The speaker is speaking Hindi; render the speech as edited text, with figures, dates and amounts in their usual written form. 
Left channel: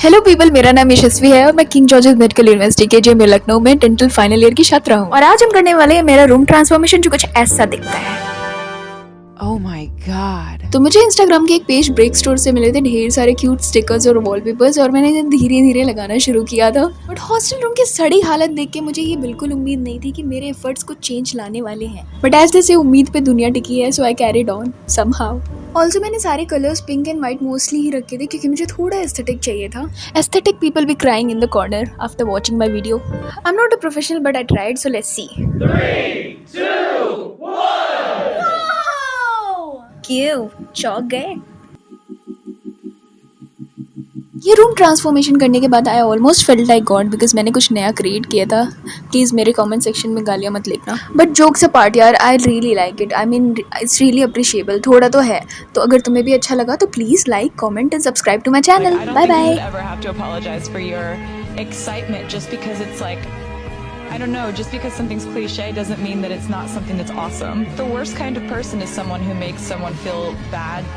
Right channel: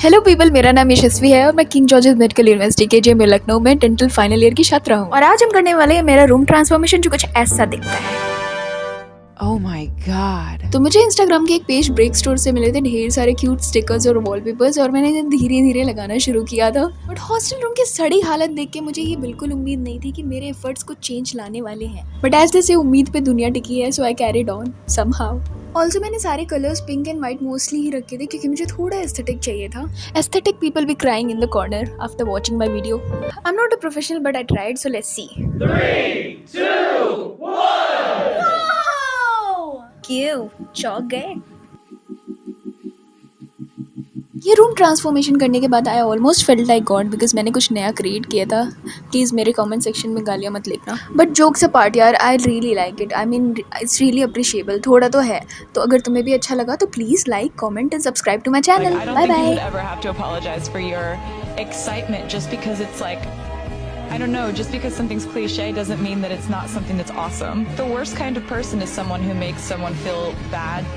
हेलो पीपल, मेरा नाम यशस्वी है और मैं king George medical university KGMU Lucknow में डेंटल फाइनल ईयर की छात्रा हूँ। और आज हम करने वाले हैं मेरा रूम ट्रांसफॉर्मेशन, जो कुछ ऐसा दिखता है। Oh my god. तो मुझे इंस्टाग्राम के एक पेज ब्रेक स्टोर से मिले थे ढेर सारे क्यूट स्टिकर्स और वॉलपेपर्स, और मैंने धीरे धीरे लगाना शुरू किया था। बट हॉस्टल रूम की सड़ी हालत देख के मुझे ये बिल्कुल उम्मीद नहीं थी कि मेरे एफर्ट्स को चेंज लाने वाले हैं। बट एज जैसे उम्मीद पे दुनिया टिकी है, so I carried on somehow. Also मैंने सारे colours pink and white mostly ही रखे थे क्योंकि मुझे थोड़ा एस्थेटिक चाहिए था। Aesthetic people be crying in the corner after watching my video. I am not a professional but I tried, so let's see. 3, 2, 1. क्यों चौंक गए? ये रूम ट्रांसफॉर्मेशन करने के बाद I almost felt like God, because मैंने कुछ नया क्रिएट किया था। प्लीज़ मेरे कमेंट सेक्शन में गालियाँ मत लिखना। बट जोक्स अपार्ट यार, I really like it. I mean it's really appreciable. थोड़ा तो है, तो अगर तुम्हें भी अच्छा लगा तो please like, comment and subscribe to my Like, channel. I don't bye think you bye. should ever have to apologize for your excitement just because it's like, I don't know, just because something's cliche doesn't mean that it's not something that's awesome. The worst kind of person is someone who makes someone feel bad.